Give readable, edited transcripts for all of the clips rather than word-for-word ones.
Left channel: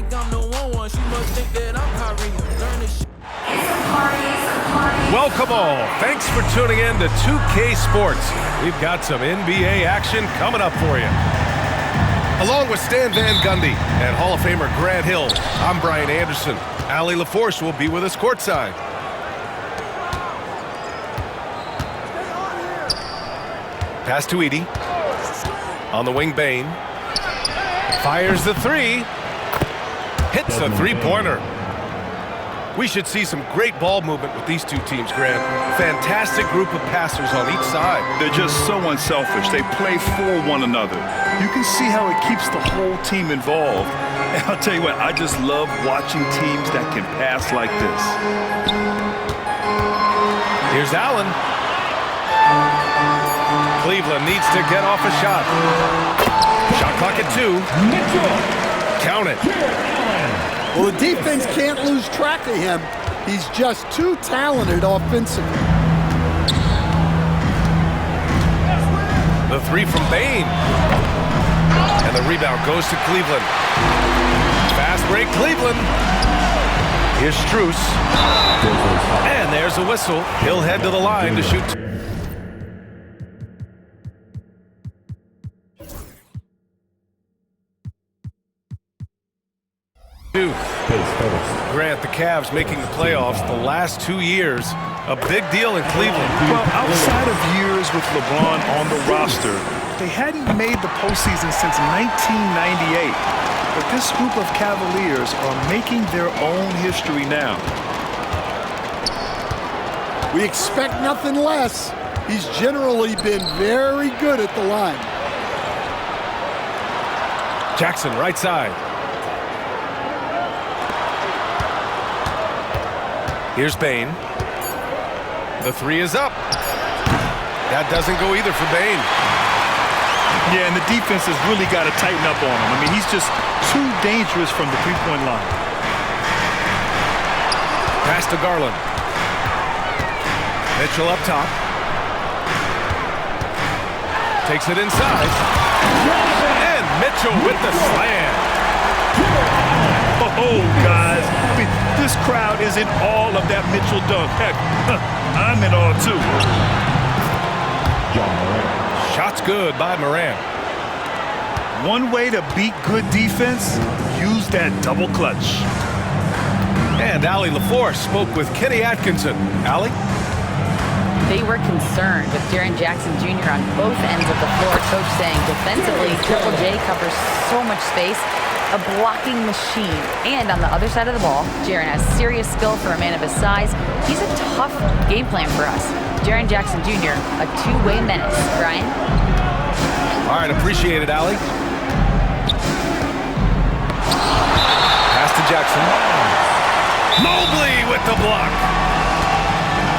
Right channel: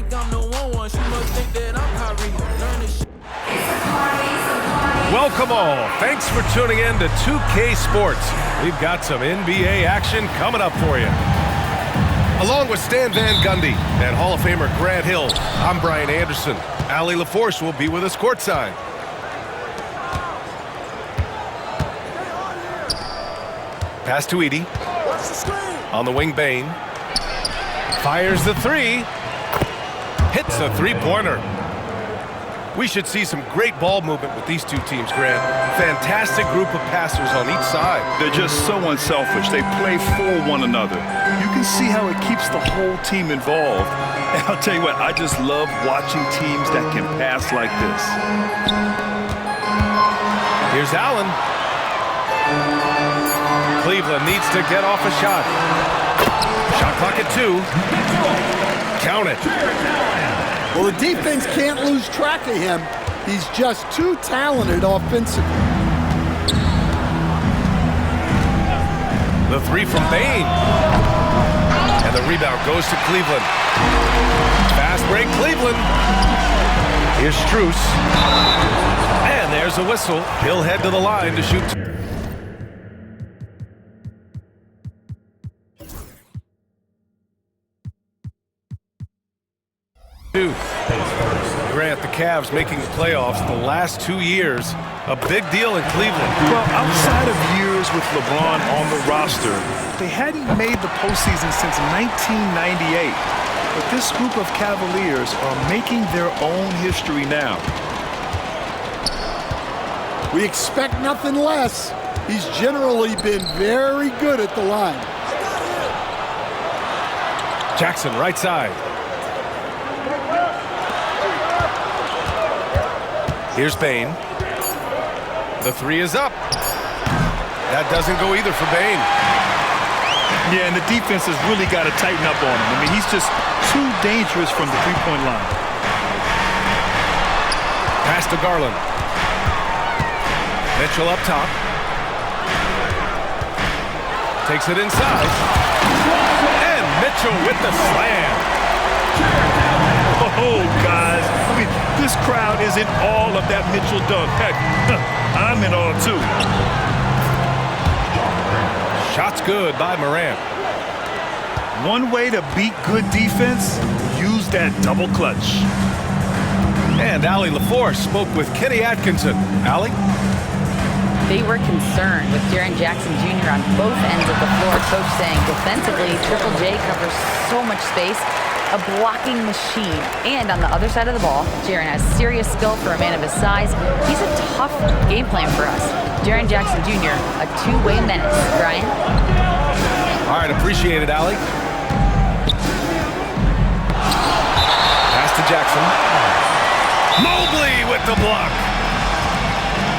think I'm the one. She must think that I'm Kyrie. Learn this shit. Welcome all. Thanks for tuning in to 2K Sports. We've got some NBA action coming up for you. Along with Stan Van Gundy and Hall of Famer Grant Hill, I'm Brian Anderson. Allie LaForce will be with us courtside. Pass to Edey. On the wing, Bane. Fires the three. Hits a three-pointer. We should see some great ball movement with these two teams, Grant. Fantastic group of passers on each side. They're just so unselfish. They play for one another. You can see how it keeps the whole team involved. And I'll tell you what, I just love watching teams that can pass like this. Here's Allen. Cleveland needs to get off a shot. Shot clock at 2. Count it. Well, the defense can't lose track of him. He's just too talented offensively. The three from Bane. And the rebound goes to Cleveland. Fast break, Cleveland. Here's Strus. And there's a whistle. He'll head to the line to shoot. Grant, the Cavs making the playoffs the last 2 years. A big deal in Cleveland. Well, outside of years with LeBron on the roster, they hadn't made the postseason since 1998. But this group of Cavaliers are making their own history now. We expect nothing less. He's generally been very good at the line. Jackson, right side. Here's Bane. The three is up. That doesn't go either for Bane. Yeah, and the defense has really got to tighten up on him. I mean, he's just too dangerous from the three-point line. Pass to Garland. Mitchell up top. Takes it inside. And Mitchell with the slam. Oh, guys, I mean, this crowd is in all of that Mitchell dunk. Heck, I'm in all too. Shot's good by Morant. One way to beat good defense, use that double clutch. And Allie LaForce spoke with Kenny Atkinson. Allie? They were concerned with Jaren Jackson Jr. on both ends of the floor. Coach saying defensively, Triple J covers so much space. A blocking machine. And on the other side of the ball, Jaren has serious skill for a man of his size. He's a tough game plan for us. Jaren Jackson Jr., a two-way menace. Brian? All right, appreciate it, Allie. Pass to Jackson. Mobley with the block.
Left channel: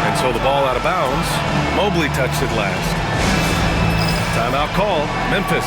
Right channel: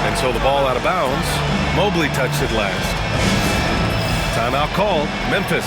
And so the ball out of bounds. Mobley touched it last. Timeout call, Memphis.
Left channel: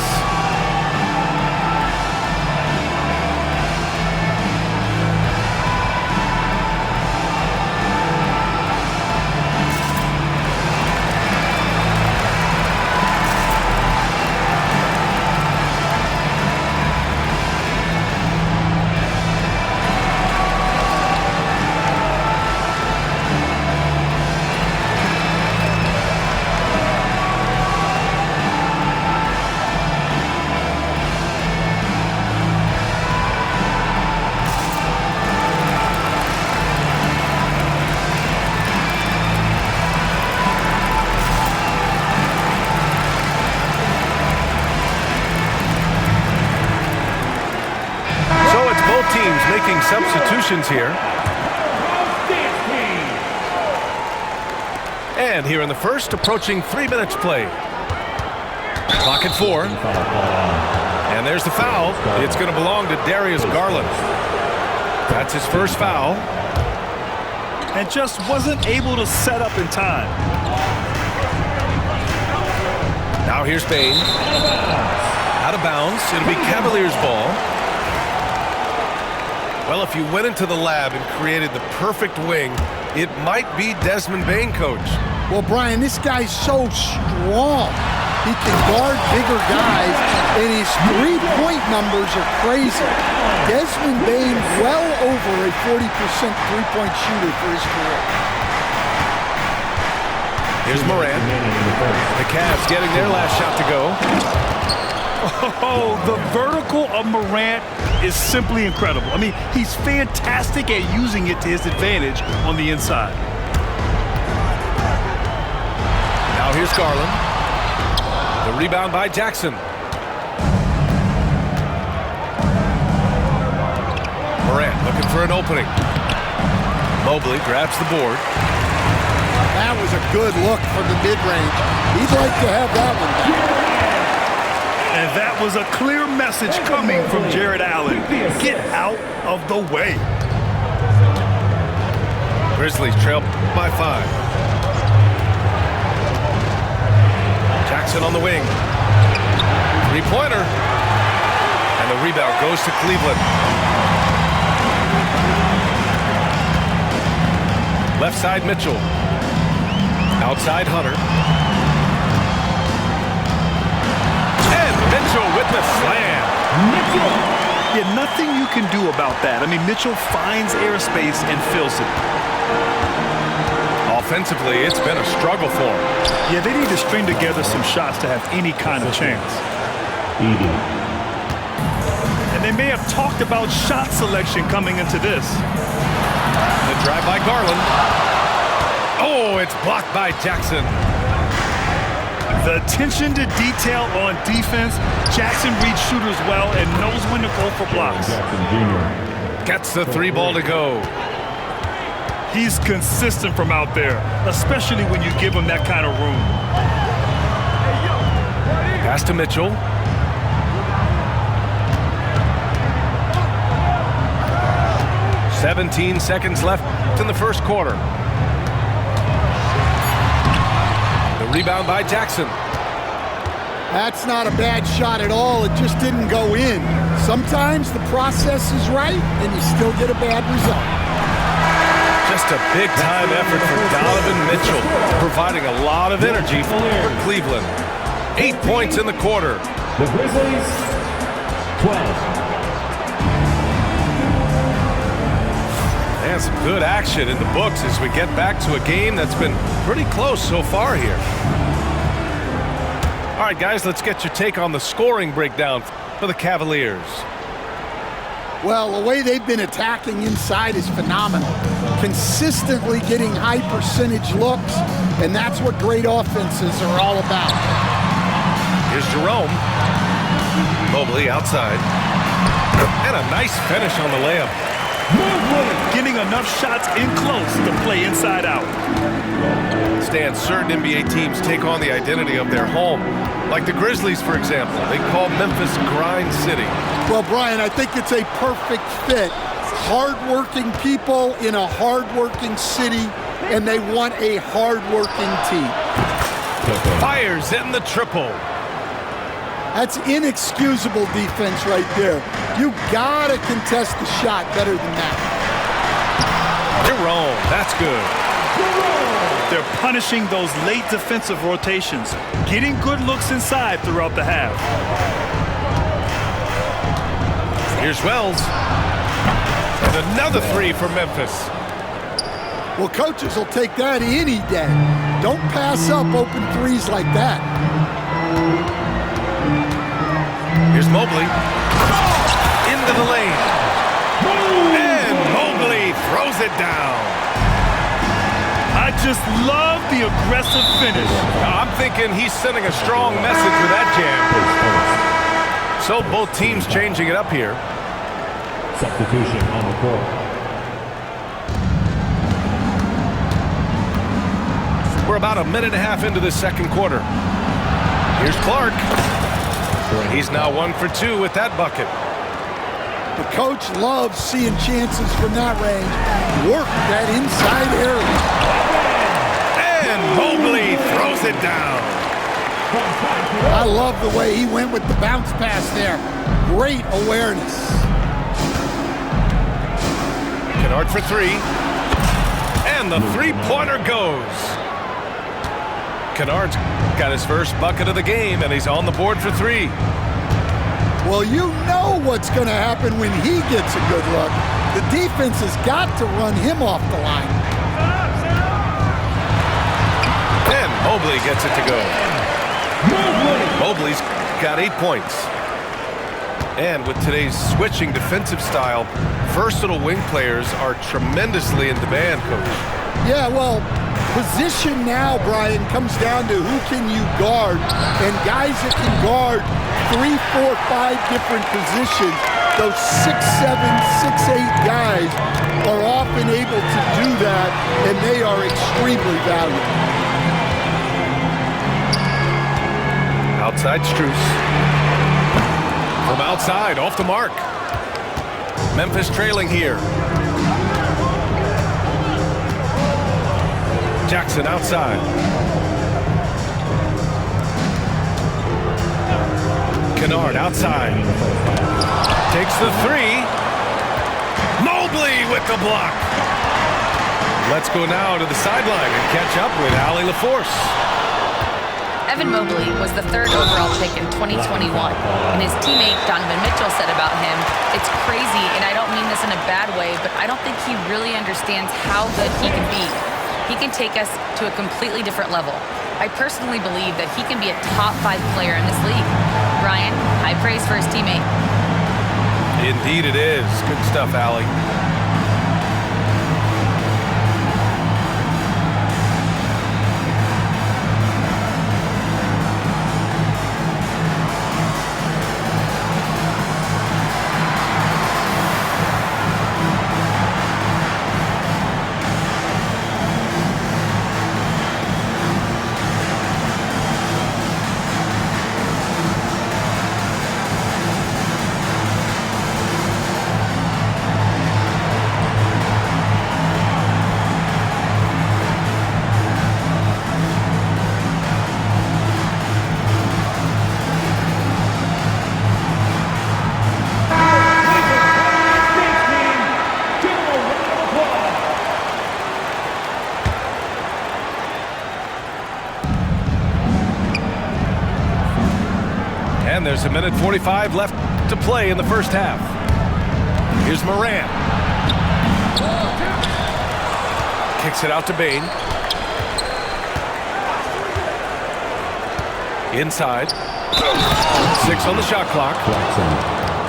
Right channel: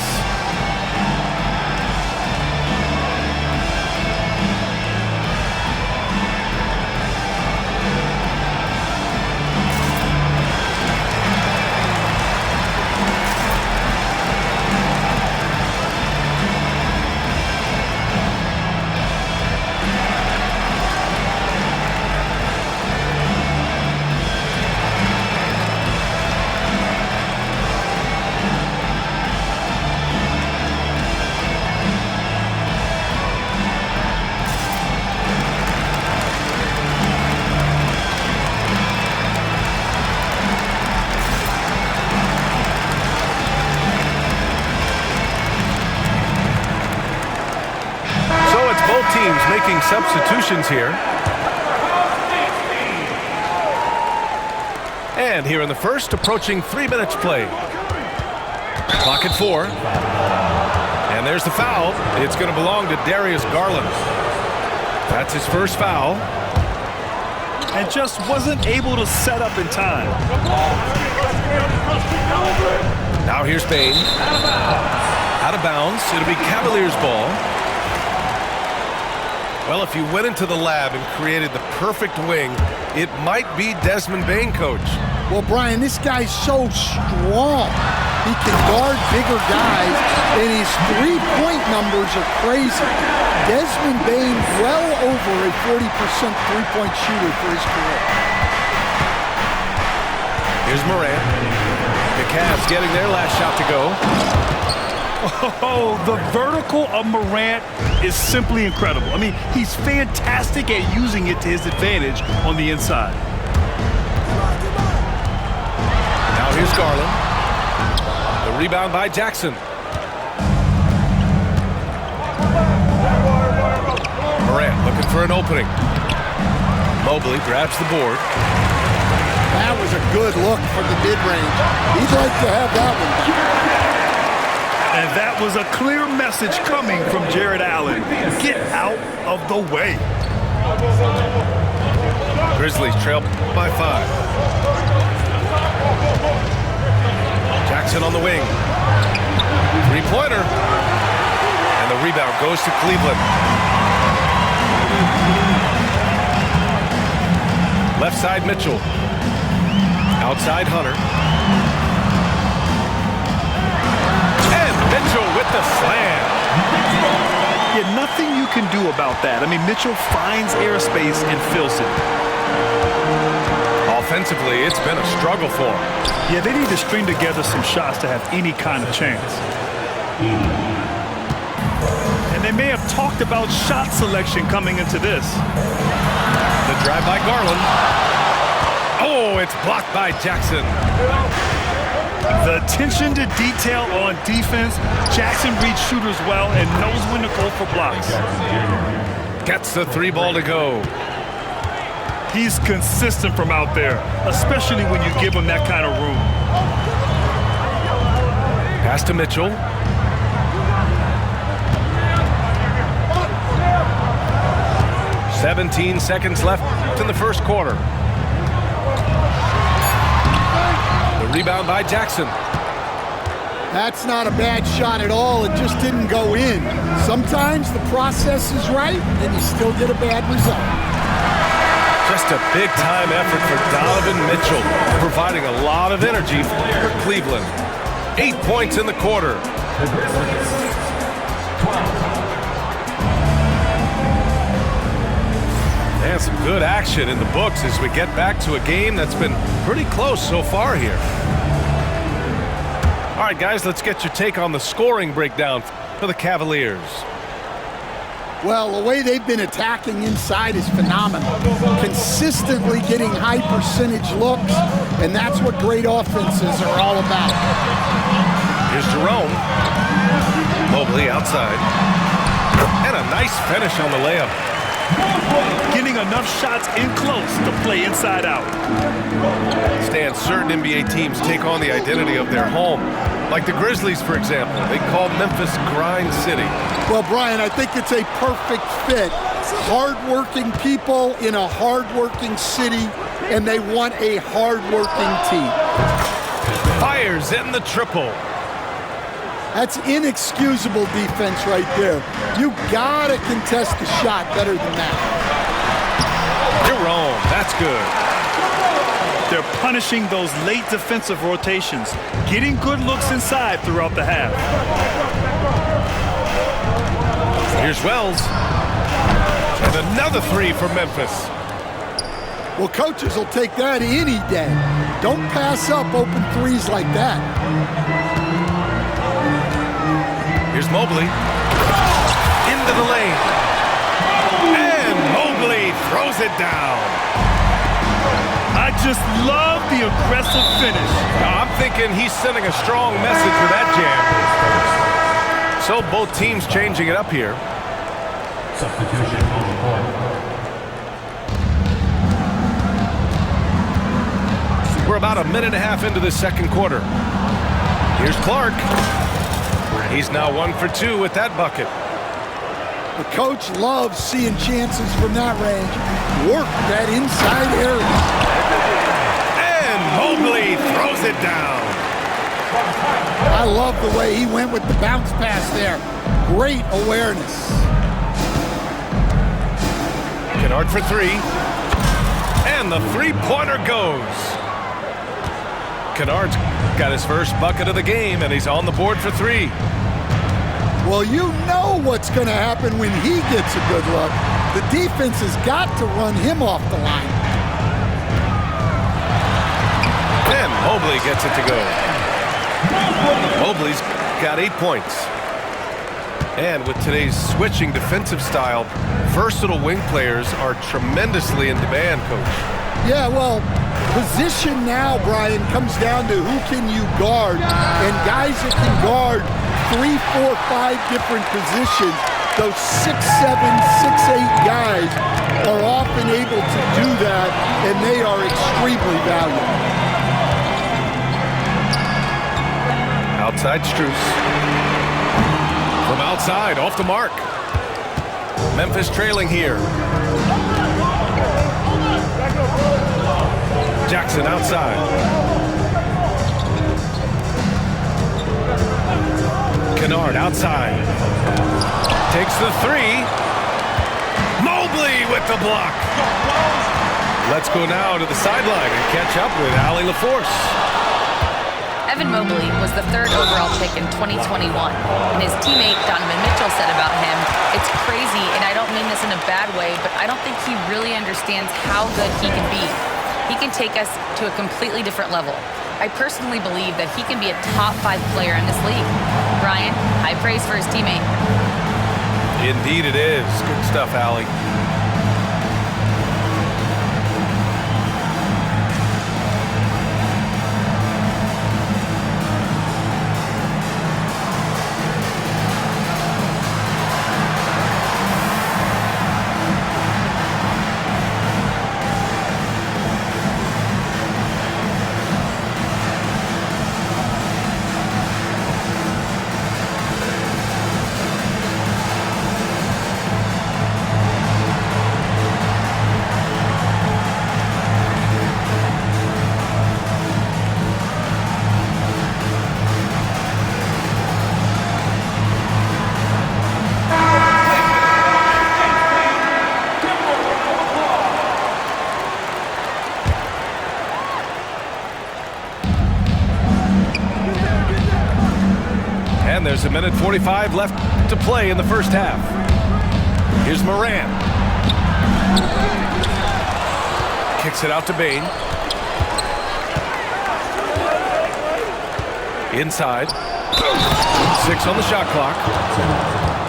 Both teams making substitutions here. And here in the first, approaching 3 minutes play. Clock at 4. And there's the foul. It's going to belong to Darius Garland. That's his first foul. And just wasn't able to set up in time. Now here's Bane. Out of bounds. It'll be Cavaliers ball. Well, if you went into the lab and created the perfect wing, it might be Desmond Bane, Coach. Well, Brian, this guy's so strong. He can guard bigger guys, and his three-point numbers are crazy. Desmond Bane well over a 40% three-point shooter for his career. Here's Morant. The Cavs getting their last shot to go. Oh, the vertical of Morant is simply incredible. I mean, he's fantastic at using it to his advantage on the inside. Now here's Garland. The rebound by Jackson. Morant looking for an opening. Mobley grabs the board. That was a good look from the mid-range. He'd like to have that one back. And that was a clear message coming from Jared Allen. Get out of the way. Grizzlies trail by 5. Jackson on the wing. Three-pointer. And the rebound goes to Cleveland. Left side, Mitchell. Outside, Hunter. And Mitchell with the slam. Yeah, nothing you can do about that. I mean, Mitchell finds airspace and fills it. Offensively, it's been a struggle for him. Yeah, they need to string together some shots to have any kind of chance. And they may have talked about shot selection coming into this. The drive by Garland. Oh, it's blocked by Jackson. The attention to detail on defense. Jackson reads shooters well and knows when to go for blocks. Gets the 3 ball to go. He's consistent from out there, especially when you give him that kind of room. Pass to Mitchell. "17 seconds left in the first quarter. The rebound by Jackson. That's not a bad shot at all. It just didn't go in. Sometimes the process is right, and you still get a bad result. Just a big-time effort for Donovan Mitchell, providing a lot of energy for Cleveland. 8 points in the quarter. The Grizzlies, 12. And some good action in the books as we get back to a game that's been pretty close so far here. All right, guys, let's get your take on the scoring breakdown for the Cavaliers. Well, the way they've been attacking inside is phenomenal. Consistently getting high percentage looks, and that's what great offenses are all about. Here's Jerome. Mobley outside. And a nice finish on the layup. Getting enough shots in close to play inside out. Stan, certain NBA teams take on the identity of their home. Like the Grizzlies, for example. They call Memphis Grind City. Well, Brian, I think it's a perfect fit. Hard-working people in a hard-working city, and they want a hard-working team. Fires in the triple. That's inexcusable defense right there. You gotta contest the shot better than that. Jerome, that's good. They're punishing those late defensive rotations, getting good looks inside throughout the half. Here's Wells. And another 3 for Memphis. Well, coaches will take that any day. Don't pass up open threes like that. Here's Mobley. Into the lane. And Mobley throws it down. I just love the aggressive finish. I'm thinking he's sending a strong message with that jam. So both teams changing it up here. Substitution on the court. We're about a minute and a half into the second quarter. Here's Clark. He's now 1 for 2 with that bucket. The coach loves seeing chances from that range. Work that inside area. And Mobley throws it down. I love the way he went with the bounce pass there. Great awareness. Kennard for 3. And the three-pointer goes. Kennard's got his first bucket of the game, and he's on the board for 3. Well, you know what's going to happen when he gets a good look. The defense has got to run him off the line. And Mobley gets it to go. Mobley's got 8 points. And with today's switching defensive style, versatile wing players are tremendously in demand, Coach. Yeah, well, position now, Brian, comes down to who can you guard. And guys that can guard 3, 4, 5 different positions, those 6'7", 6'8" guys are often able to do that, and they are extremely valuable. Outside Strus. From outside, off the mark. Memphis trailing here. Jackson outside. Kennard outside. Takes the 3. Mobley with the block. Let's go now to the sideline and catch up with Allie LaForce. Evan Mobley was the 3rd overall pick in 2021, and his teammate Donovan Mitchell said about him, "It's crazy, and I don't mean this in a bad way, but I don't think he really understands how good he can be. He can take us to a completely different level. I personally believe that he can be a top 5 player in this league." Brian, high praise for his teammate. Indeed it is. Good stuff, Allie. And there's 1:45 left to play in the first half. Here's Morant. Kicks it out to Bane. Inside. 6 on the shot clock.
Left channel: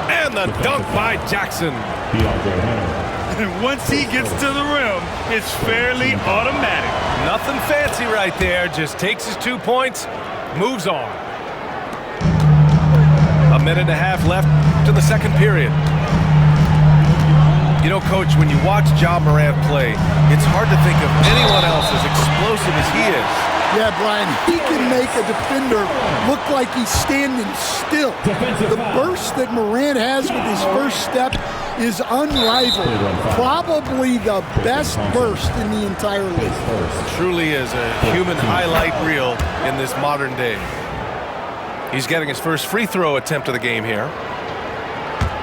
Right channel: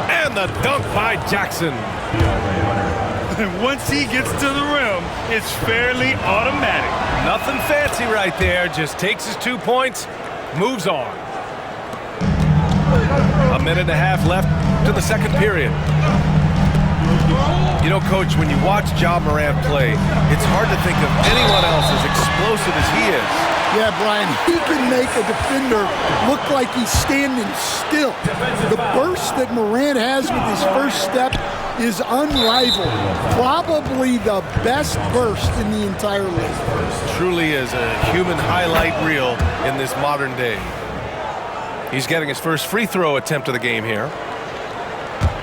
And the dunk by Jackson. DeAndre Hunter. And once he gets to the rim, it's fairly automatic. Nothing fancy right there. Just takes his 2 points, moves on. 1.5 minutes left to the second period. You know, Coach, when you watch Ja Morant play, it's hard to think of anyone else as explosive as he is. Yeah, Brian, he can make a defender look like he's standing still. The burst that Morant has with his first step is unrivaled. Probably the best burst in the entire league. Truly is a human highlight reel in this modern day. He's getting his first free throw attempt of the game here.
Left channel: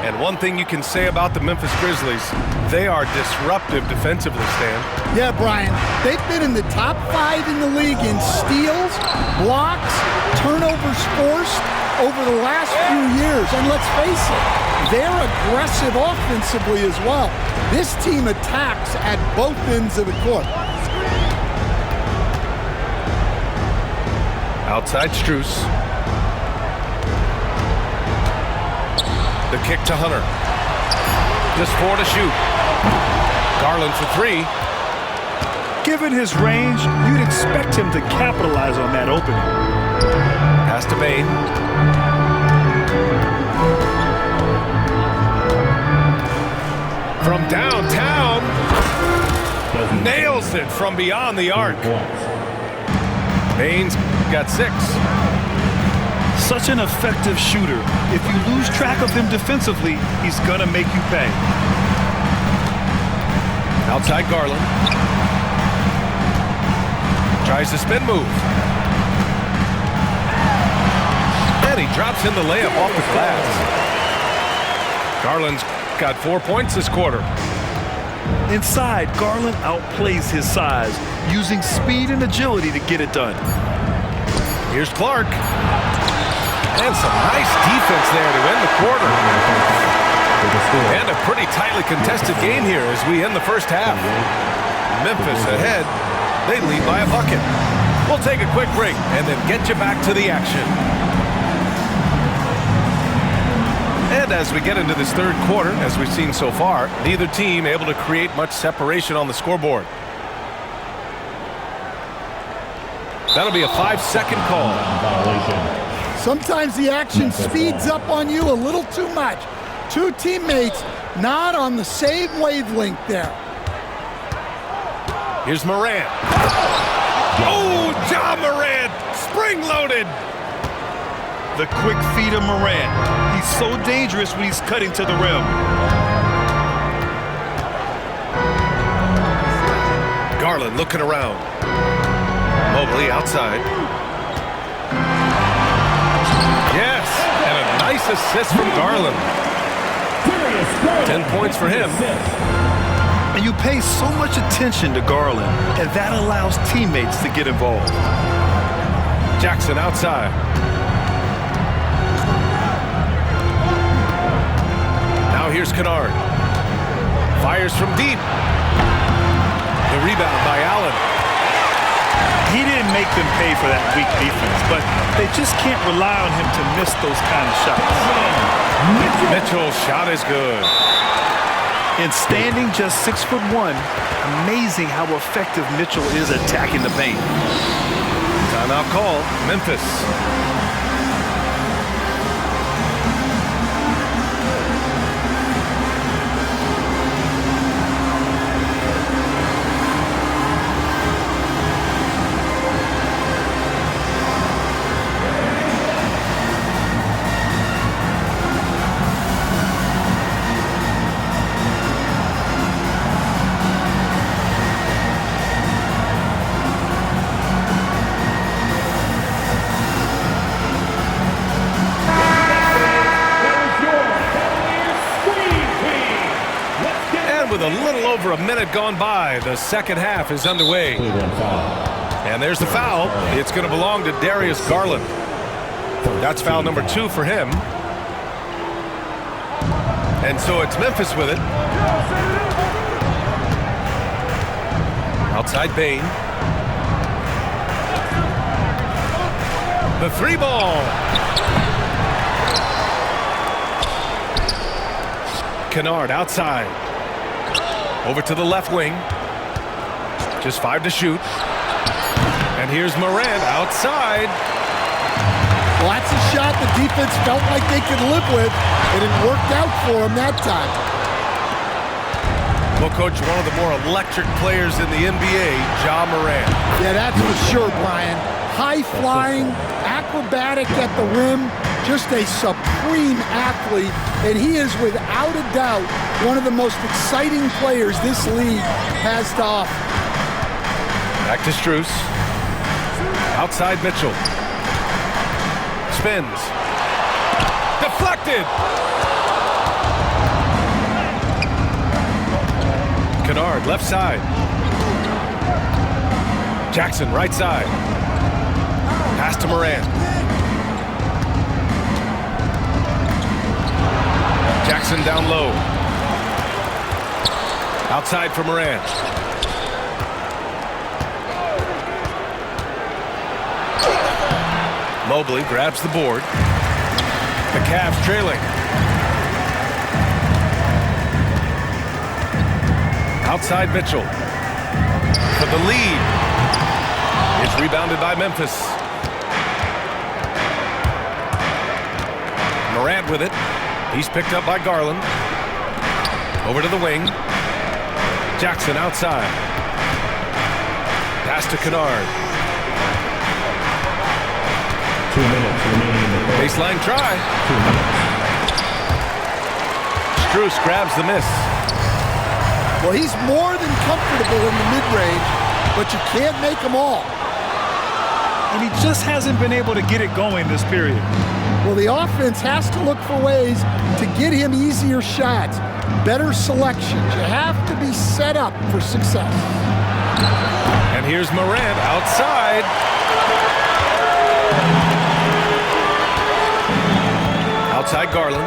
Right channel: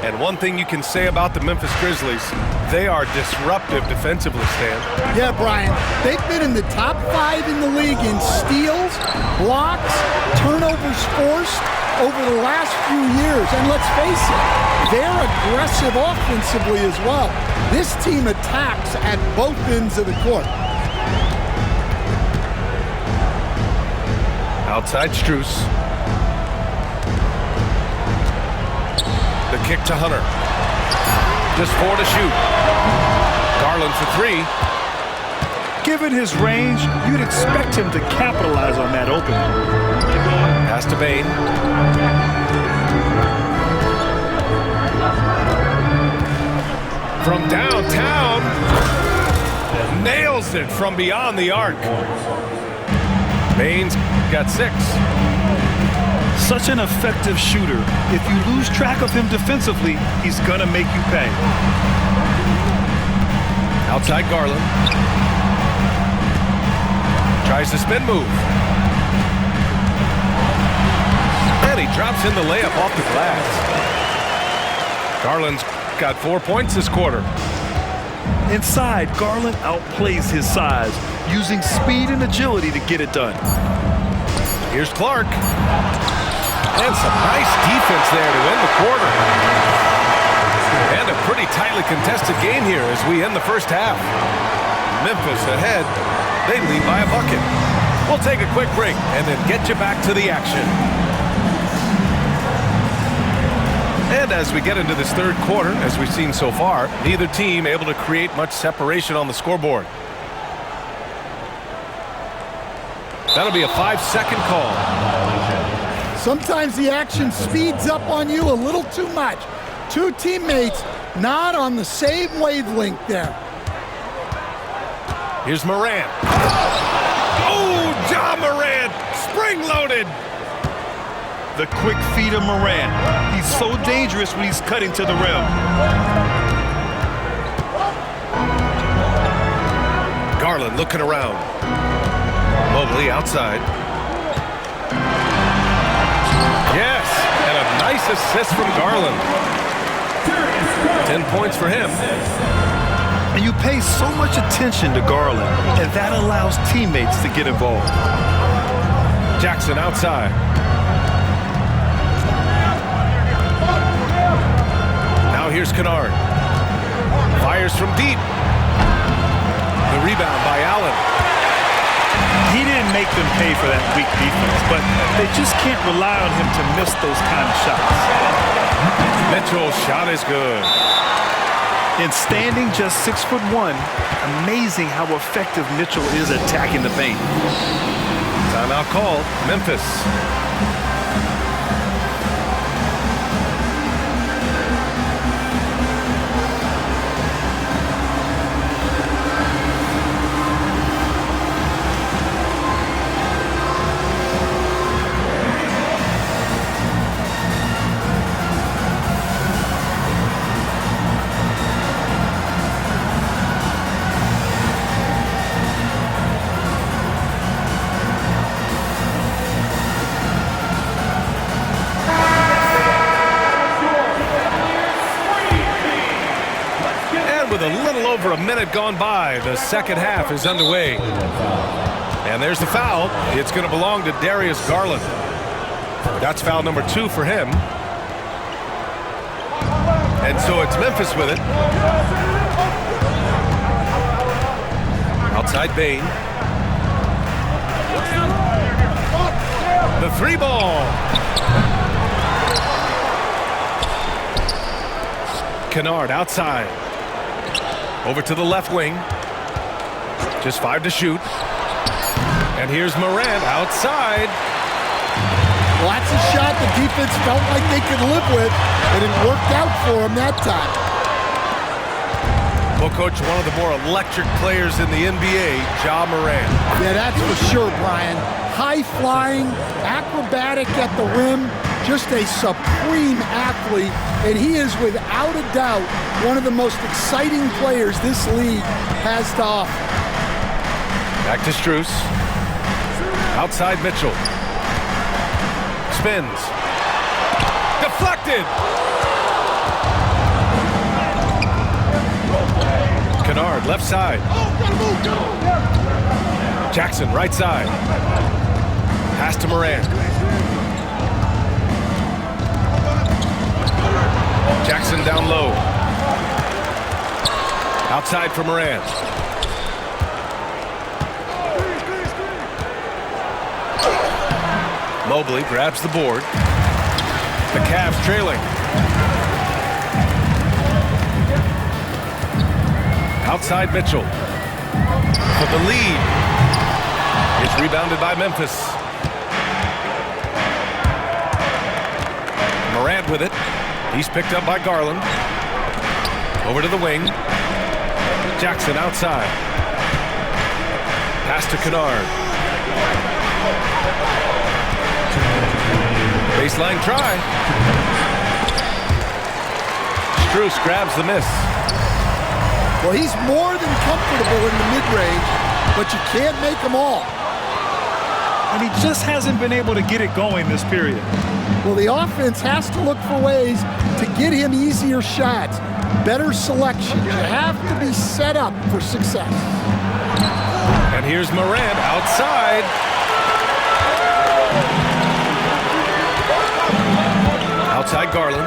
And one thing you can say about the Memphis Grizzlies, they are disruptive defensively, Stan. Yeah, Brian, they've been in the top 5 in the league in steals, blocks, turnovers forced over the last few years. And let's face it, they're aggressive offensively as well. This team attacks at both ends of the court. Outside Strus. The kick to Hunter. Just 4 to shoot. Garland for 3. Given his range, you'd expect him to capitalize on that opening. Pass to Bane. From downtown. Nails it from beyond the arc. Bane's got 6. Such an effective shooter. If you lose track of him defensively, he's gonna make you pay. Outside Garland. Tries the spin move. And he drops in the layup off the glass. Garland's got 4 points this quarter. Inside, Garland outplays his size, using speed and agility to get it done. Here's Clark. And some nice defense there to end the quarter. And a pretty tightly contested game here as we end the first half. Memphis ahead. They lead by a bucket. We'll take a quick break and then get you back to the action. And as we get into this third quarter, as we've seen so far, neither team able to create much separation on the scoreboard. That'll be a 5-second call. Sometimes the action speeds up on you a little too much. Two teammates not on the same wavelength there. Here's Morant. Oh, Ja Morant, spring-loaded. The quick feed of Morant. He's so dangerous when he's cutting to the rim. Garland looking around. Mobley outside. Yes, and a nice assist from Garland. 10 points for him. And you pay so much attention to Garland, and that allows teammates to get involved. Jackson outside. Now here's Kennard. Fires from deep. The rebound by Allen. He didn't make them pay for that weak defense, but they just can't rely on him to miss those kind of shots. Mitchell's shot is good. And standing just 6'1", amazing how effective Mitchell is attacking the paint. Timeout call, Memphis. With a little over a minute gone by, the second half is underway. And there's the foul. It's going to belong to Darius Garland. That's foul number 2 for him. And so it's Memphis with it. Outside Bane. The 3-ball. Kennard outside. Over to the left wing. Just 5 to shoot. And here's Morant outside. Well, that's a shot the defense felt like they could live with, and it worked out for them that time. Well, Coach, one of the more electric players in the NBA, Ja Morant. Yeah, that's for sure, Brian. High-flying, acrobatic at the rim, just a supreme athlete, and he is without a doubt one of the most exciting players this league has to offer. Back to Strus. Outside Mitchell. Spins. Deflected. Kennard left side. Jackson right side. Pass to Morant. Jackson down low. Outside for Morant. Mobley grabs the board. The Cavs trailing. Outside Mitchell. For the lead. It's rebounded by Memphis. Morant with it. He's picked up by Garland. Over to the wing. Jackson outside. Pass to Kennard. 2 minutes remaining. Baseline try. Strus grabs the miss. Well, he's more than comfortable in the mid-range, but you can't make them all. And he just hasn't been able to get it going this period. Well, the offense has to look for ways to get him easier shots, better selections. You have to be set up for success. And here's Morant outside. Outside Garland.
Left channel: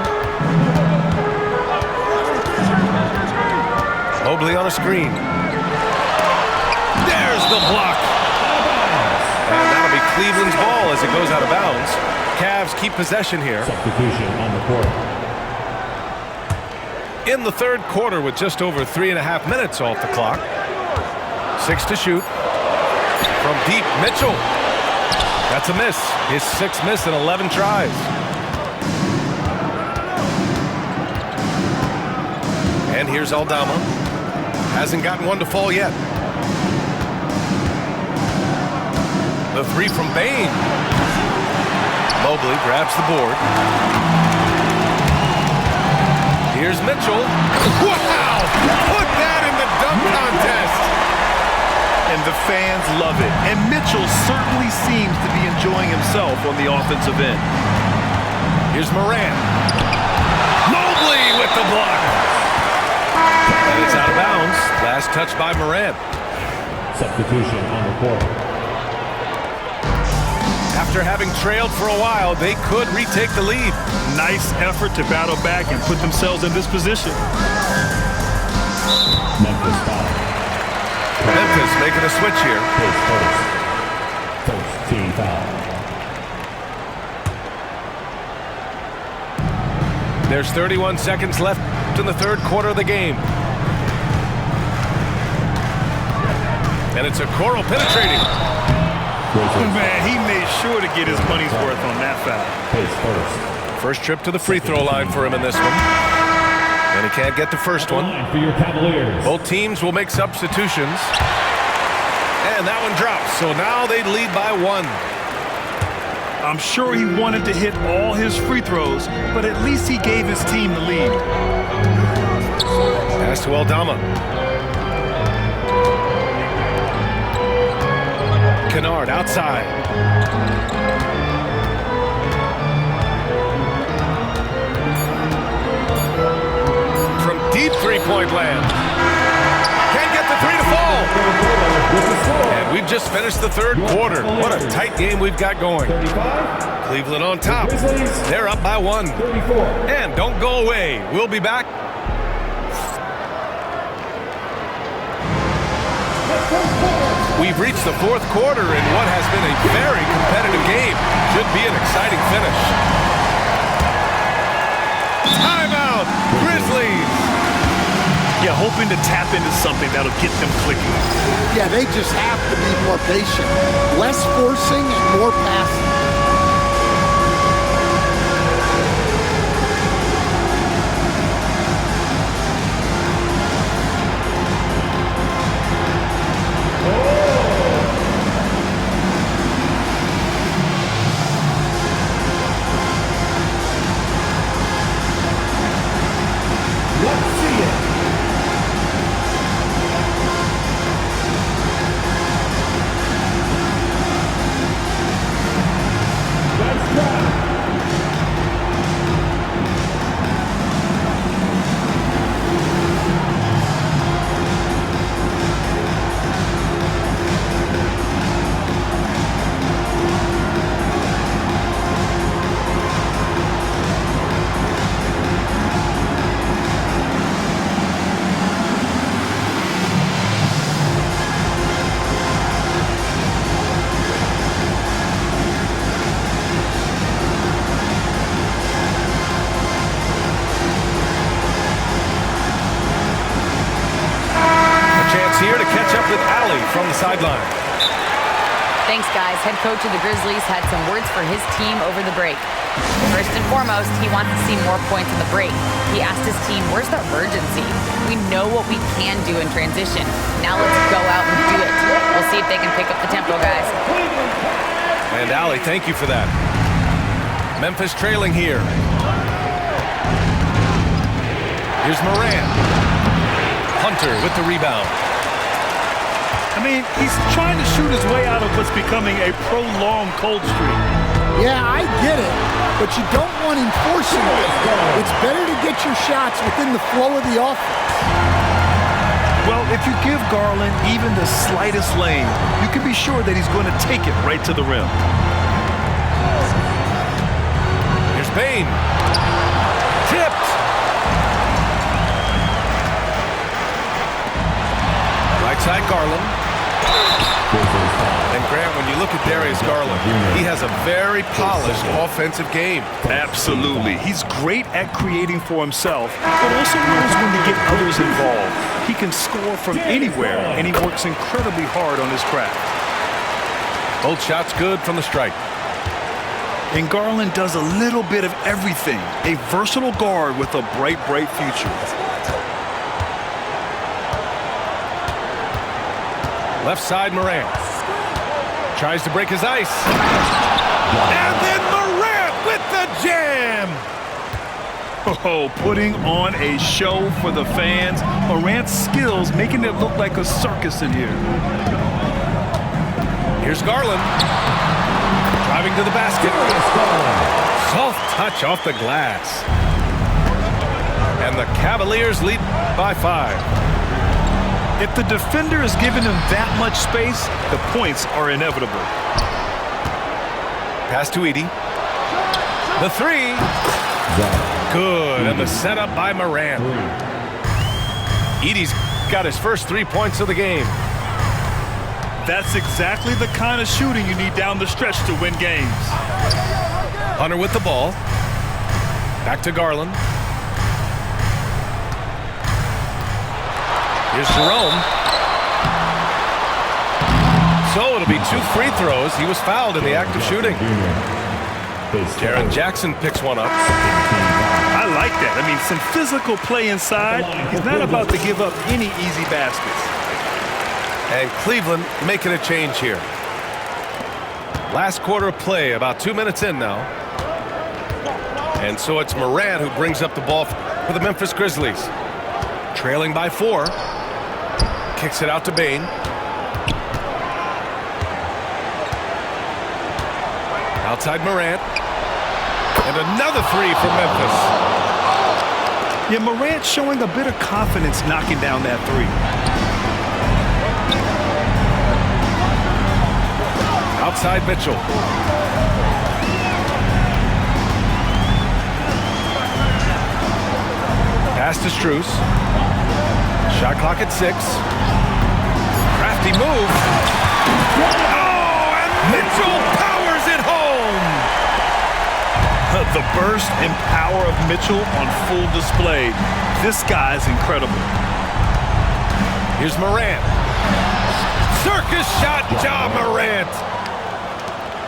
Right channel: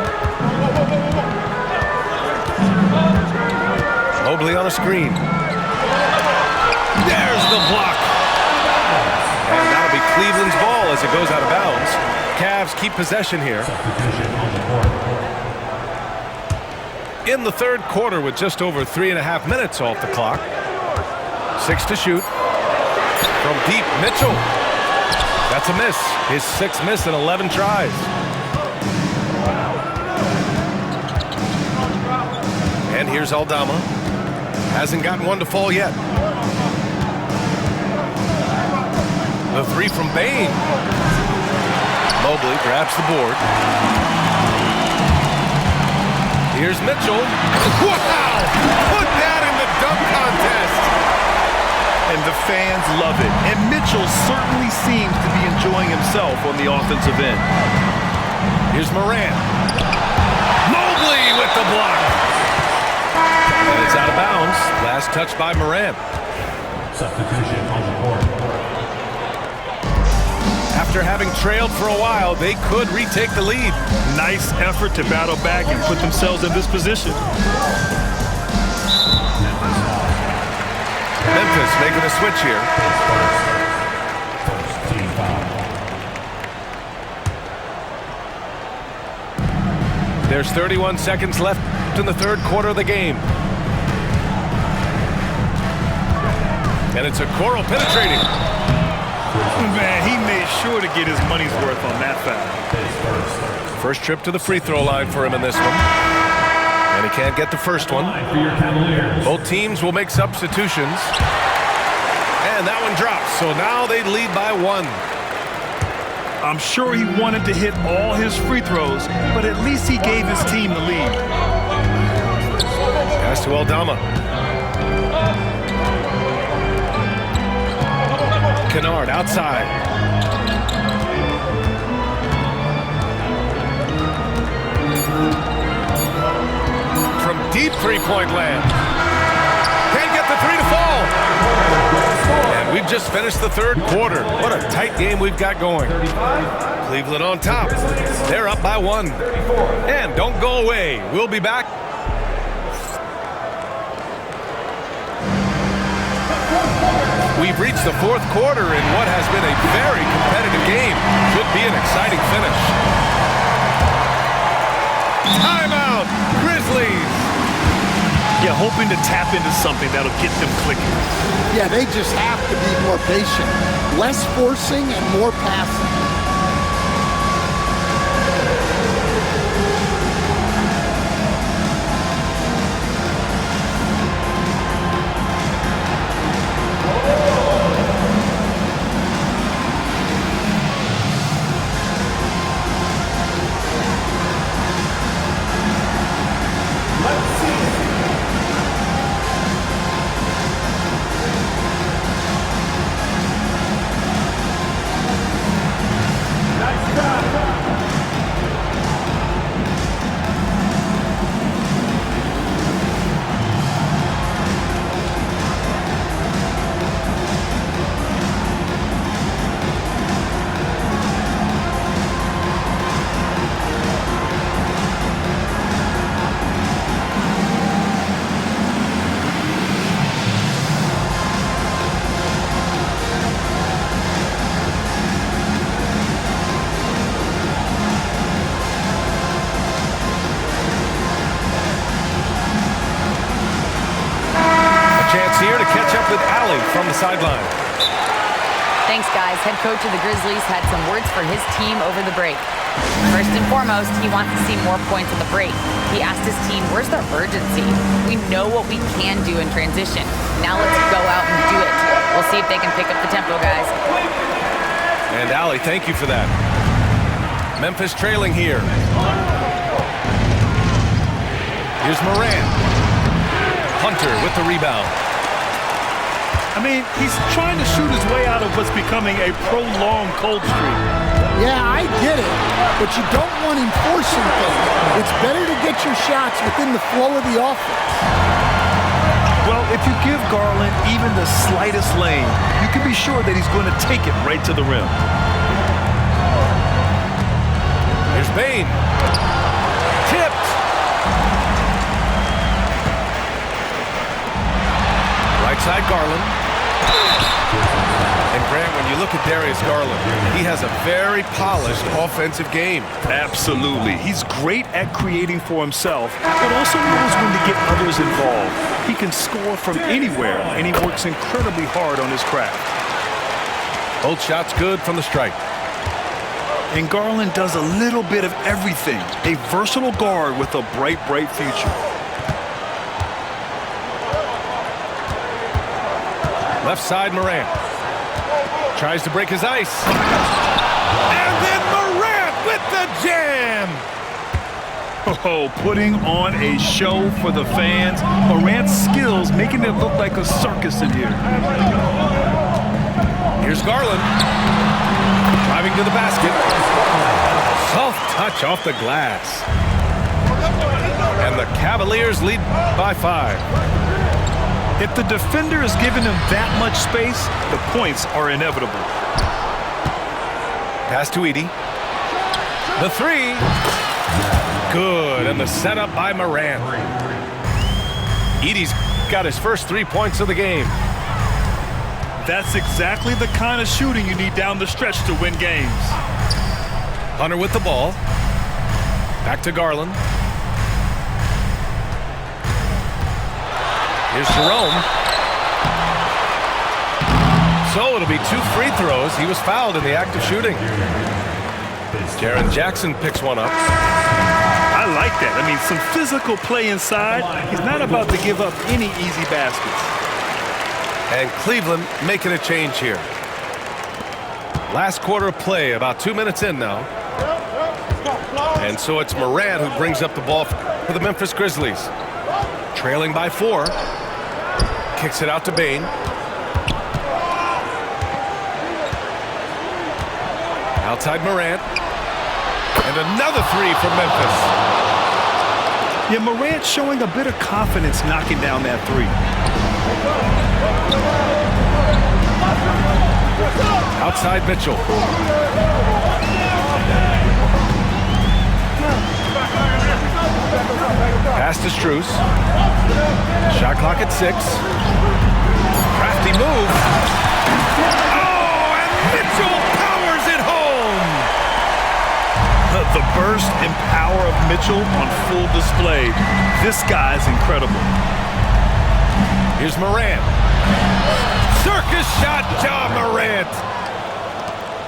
Mobley on a screen. There's the block. And that'll be Cleveland's ball as it goes out of bounds. Cavs keep possession here. Substitution on the court. In the third quarter with just over 3.5 minutes off the clock. 6 to shoot. From deep, Mitchell. That's a miss. His 6th miss in 11 tries. And here's Aldama. Hasn't gotten one to fall yet. The 3 from Bane. Mobley grabs the board. Here's Mitchell. Wow! Put that in the dunk contest. And the fans love it. And Mitchell certainly seems to be enjoying himself on the offensive end. Here's Morant. Mobley with the block. And it's out of bounds. Last touch by Morant. Substitution on the court. After having trailed for a while, they could retake the lead. Nice effort to battle back and put themselves in this position. Memphis foul. Memphis making a switch here. Pace first. First team foul. There's 31 seconds left in the third quarter of the game. And it's Okoro penetrating. Grizzlies. Man, he made sure to get his money's worth on that foul. Pace first. First trip to the free throw line for him in this one. And he can't get the first one. Line for your Cavaliers. Both teams will make substitutions. And that one drops. So now they lead by 1. I'm sure he wanted to hit all his free throws, but at least he gave his team the lead. Pass to Aldama. Kennard outside. From deep three-point land. Can't get the 3 to fall. And we've just finished the third quarter. What a tight game we've got going. Cleveland on top. They're up by 1. And don't go away. We'll be back. We've reached the fourth quarter in what has been a very competitive game. Should be an exciting finish. Timeout, Grizzlies. Yeah, hoping to tap into something that'll get them clicking. Yeah, they just have to be more patient. Less forcing and more passing. Here to catch up with Allie from the sideline. Thanks, guys. Head coach of the Grizzlies had some words for his team over the break. First and foremost, he wants to see more points in the break. He asked his team, where's the urgency? We know what we can do in transition. Now let's go out and do it. We'll see if they can pick up the tempo, guys. And Allie, thank you for that. Memphis trailing here. Here's Morant. Hunter with the rebound. I mean, he's trying to shoot his way out of what's becoming a prolonged cold streak. Yeah, I get it, but you don't want him forcing things. It's better to get your shots within the flow of the offense. Well, if you give Garland even the slightest lane, you can be sure that he's going to take it right to the rim. Here's Bane. Tipped. Right side, Garland. And Grant, when you look at Darius Garland, he has a very polished offensive game. Absolutely. He's great at creating for himself, but also knows when to get others involved. He can score from anywhere, and he works incredibly hard on his craft. Both shots good from the stripe. And Garland does a little bit of everything. A versatile guard with a bright, bright future. Left side, Morant. Tries to break his ice. And then Morant with the jam! Oh, putting on a show for the fans. Morant's skills making it look like a circus in here. Here's Garland. Driving to the basket. Soft touch off the glass. And the Cavaliers lead by 5. If the defender is giving him that much space, the points are inevitable. Pass to Edey. The three. Good, and the setup by Morant. Edey's got his first 3 points of the game. That's exactly the kind of shooting you need down the stretch to win games. Hunter with the ball. Back to Garland. Here's Jerome. So it'll be 2 free throws. He was fouled in the act of shooting. Jaren Jackson picks one up. I like that. I mean, some physical play inside. He's not about to give up any easy baskets. And Cleveland making a change here. Last quarter of play, about 2 minutes in now. And so it's Morant who brings up the ball for the Memphis Grizzlies. Trailing by 4. Kicks it out to Bane. Outside Morant. And another 3 for Memphis. Yeah, Morant showing a bit of confidence knocking down that 3. Outside Mitchell. Pass to Strus. Shot clock at 6. Crafty move. Oh, and Mitchell powers it home. The burst and power of Mitchell on full display. This guy's incredible. Here's Morant. Circus shot, Ja Morant.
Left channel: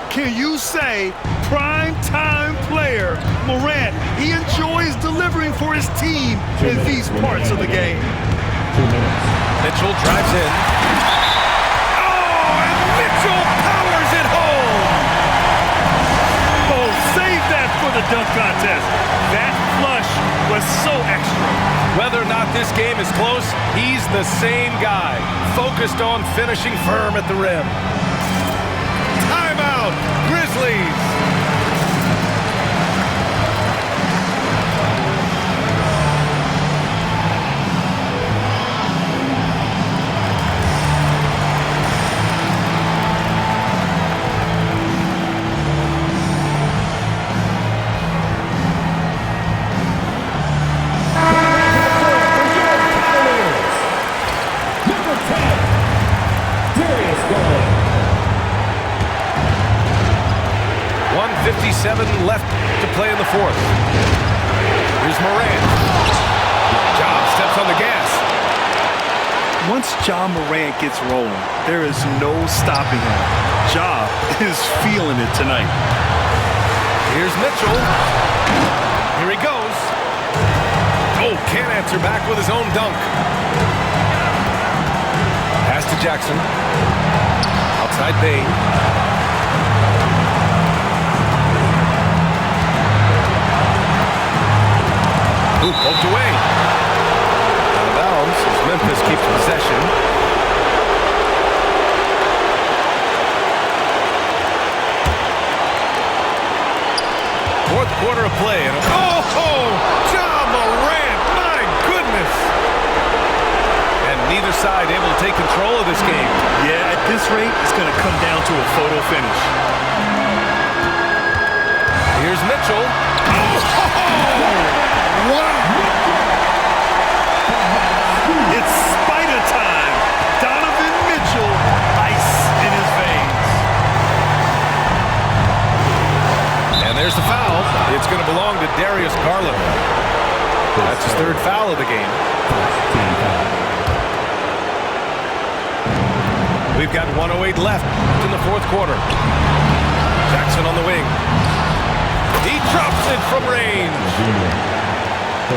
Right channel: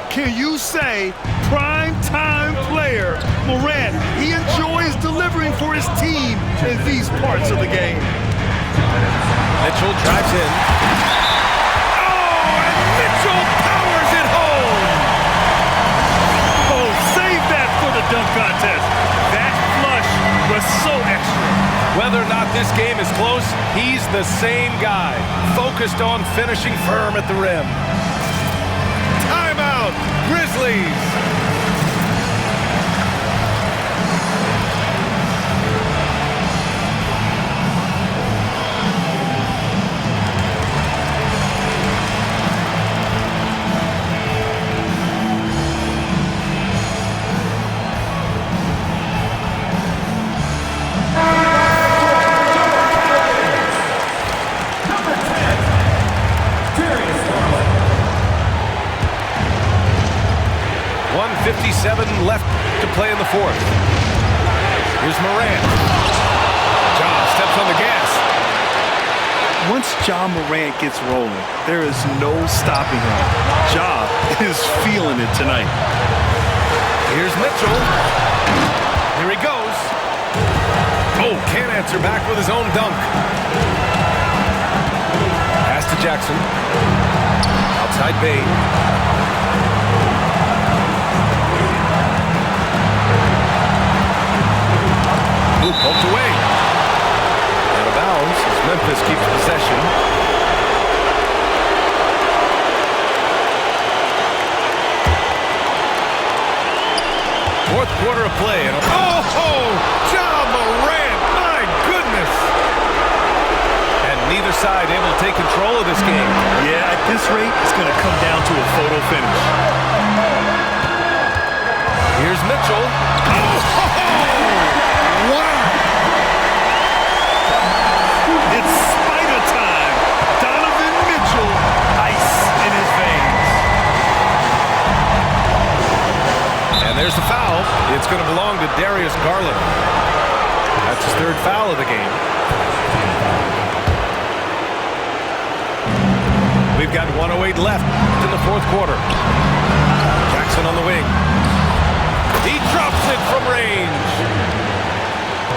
Can you say prime time player Morant? He enjoys delivering for his team in these parts of the game. Mitchell drives in. Oh, and Mitchell powers it home. Oh, save that for the dunk contest. That flush was so extra. Whether or not this game is close, he's the same guy, focused on finishing firm at the rim. Timeout, Grizzlies. Number 10, Darius Garland. 1:57 left to play in the 4th. Here's Morant. Ja steps on the gas. Once Ja Morant gets rolling, there is no stopping him. Ja is feeling it tonight. Here's Mitchell. Here he goes. Oh, can't answer back with his own dunk. Pass to Jackson. Outside Bane. Ooh, poked away. Out of bounds as Memphis keeps possession. Fourth quarter of play. And Ja Morant, my goodness. And neither side able to take control of this game. Yeah, at this rate, it's going to come down to a photo finish. Here's Mitchell. Wow! It's spider time. Donovan Mitchell, ice in his veins. And there's the foul. It's going to belong to Darius Garland. That's his third foul of the game. We've got 1:08 left in the fourth quarter. Jackson on the wing. He drops it from range.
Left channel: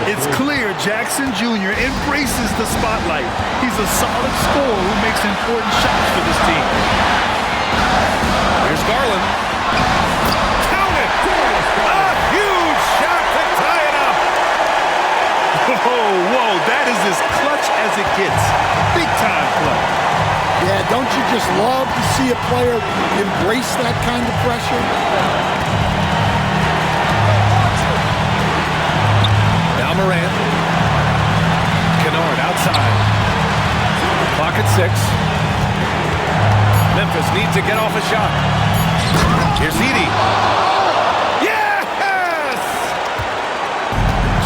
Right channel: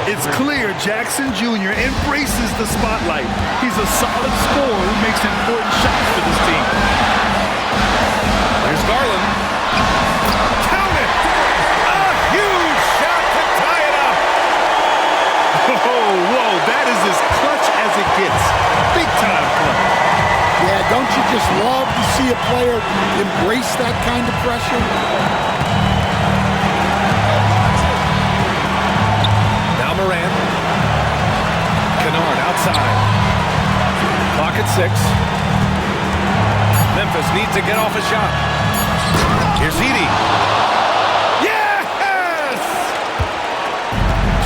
It's clear Jackson Jr. embraces the spotlight. He's a solid scorer who makes important shots for this team. Here's Garland. Count it! A huge shot to tie it up. Whoa, that is as clutch as it gets. Big time clutch. Yeah, don't you just love to see a player embrace that kind of pressure? Now Morant. Kennard outside. Clock at 6. Memphis needs to get off a shot. Here's Edey. Yes!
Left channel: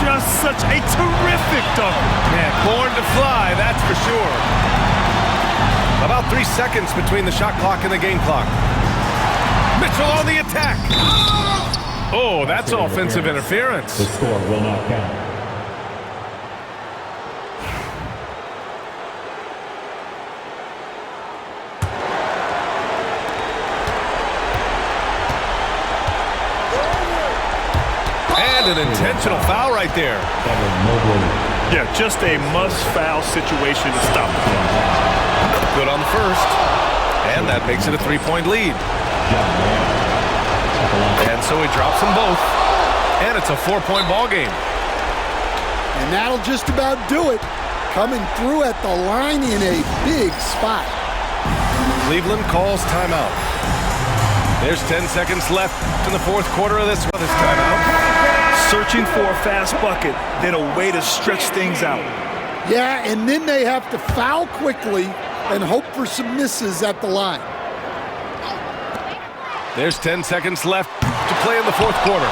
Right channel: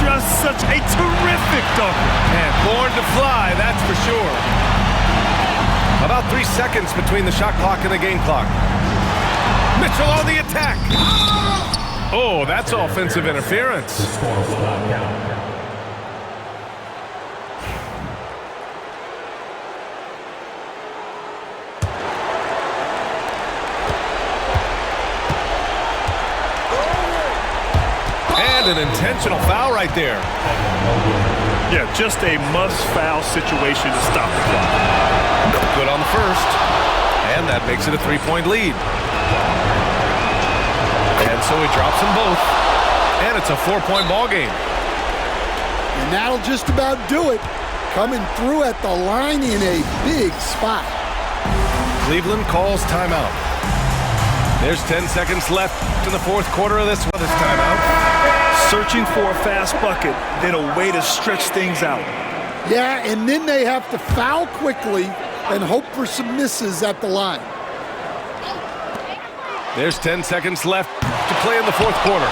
Just such a terrific dunker. Man, born to fly, that's for sure. About 3 seconds between the shot clock and the game clock. Mitchell on the attack. Oh, that's offensive interference. The score will not count. And an intentional foul right there. Yeah, just a must-foul situation to stop the clock. Good on the first. And that makes it a 3-point lead. And so he drops them both. And it's a 4-point ball game. And that'll just about do it. Coming through at the line in a big spot. Cleveland calls timeout. There's 10 seconds left in the fourth quarter of this timeout. Searching for a fast bucket, then a way to stretch things out. Yeah, and then they have to foul quickly and hope for some misses at the line. There's 10 seconds left to play in the fourth quarter.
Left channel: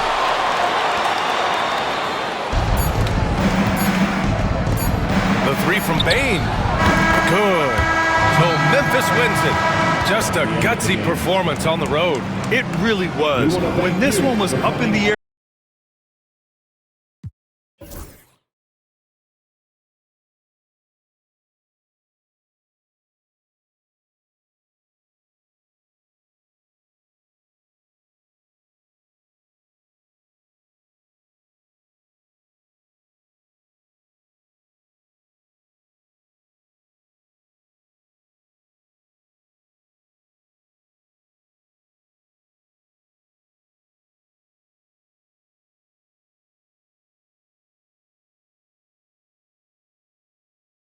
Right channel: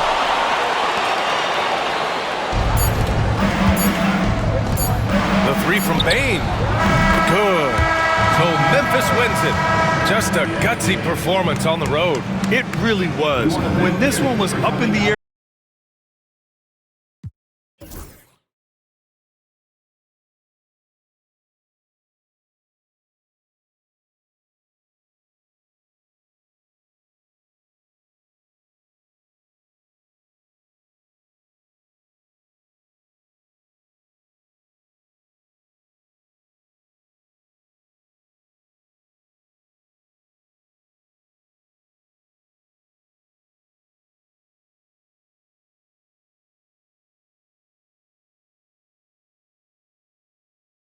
The three from Bane. Good. So Memphis wins it. Just a gutsy performance on the road. It really was. When this one was up in the air,